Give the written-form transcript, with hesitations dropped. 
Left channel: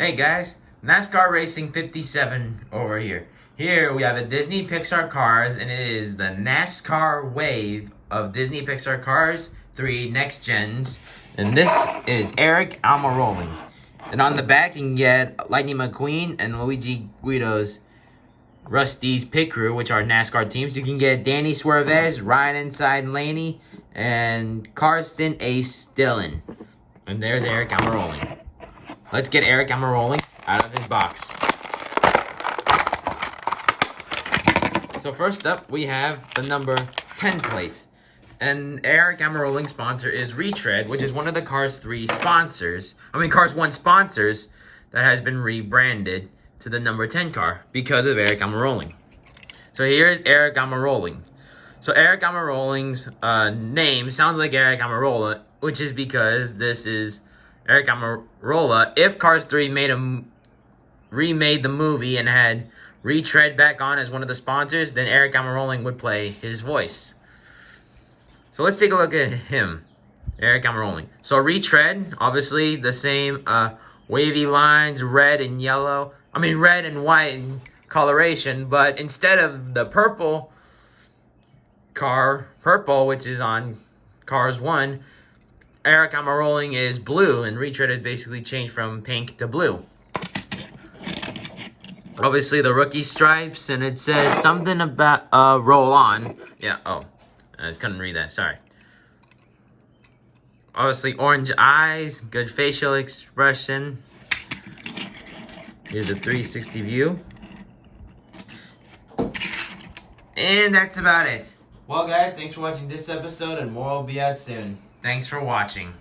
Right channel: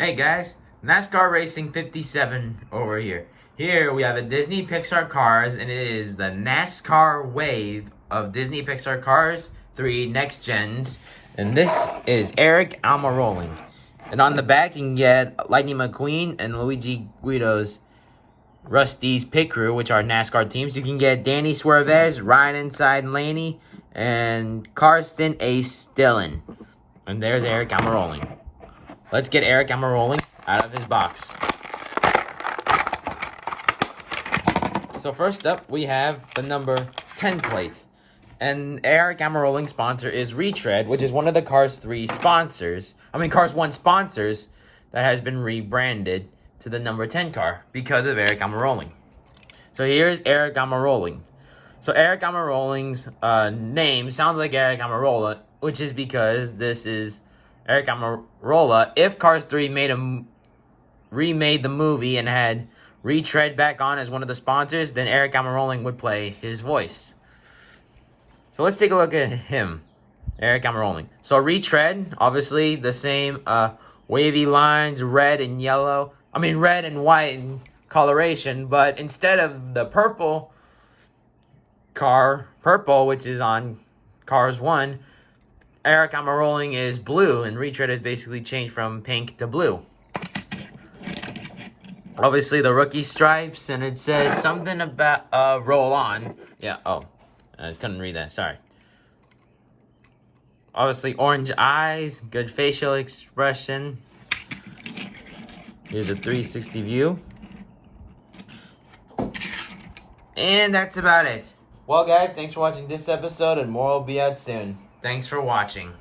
Hey guys, NASCAR Racing 57 over here. Here we have a Disney Pixar Cars, and it is the NASCAR wave of Disney Pixar Cars 3 Next Gens. And this is Aric Almiroling. And on the back you can get Lightning McQueen and Luigi Guido's Rusty's Pit Crew, which are NASCAR teams. You can get Danny Suarez, Ryan Inside Laney, and Karsten Ace Dillon. And there's Aric Almiroling. Let's get Aric Almiroling out of his box. So first up, we have the number 10 plate. And Aric Almiroling's sponsor is Retread, which is one of the Cars 1 sponsors that has been rebranded to the number 10 car because of Aric Almiroling. So here's Aric Almiroling. So Aric Almiroling's name sounds like Aric Almirola, which is because this is Aric Almirola. If Cars 3 remade the movie and had Retread back on as one of the sponsors, then Aric Almiroling would play his voice. So let's take a look at him, Aric Almiroling. So Retread, obviously the same wavy lines, red and white in coloration, but instead of the purple, which is on Cars 1, Aric Almiroling is blue, and Retread has basically changed from pink to blue. Obviously, the rookie stripes, and it says something about roll on. Yeah, I couldn't read that, sorry. Obviously, orange eyes, good facial expression. Here's a 360 view. And that's about it. Well, guys, thanks for watching this episode, and more will be out soon. Thanks for watching.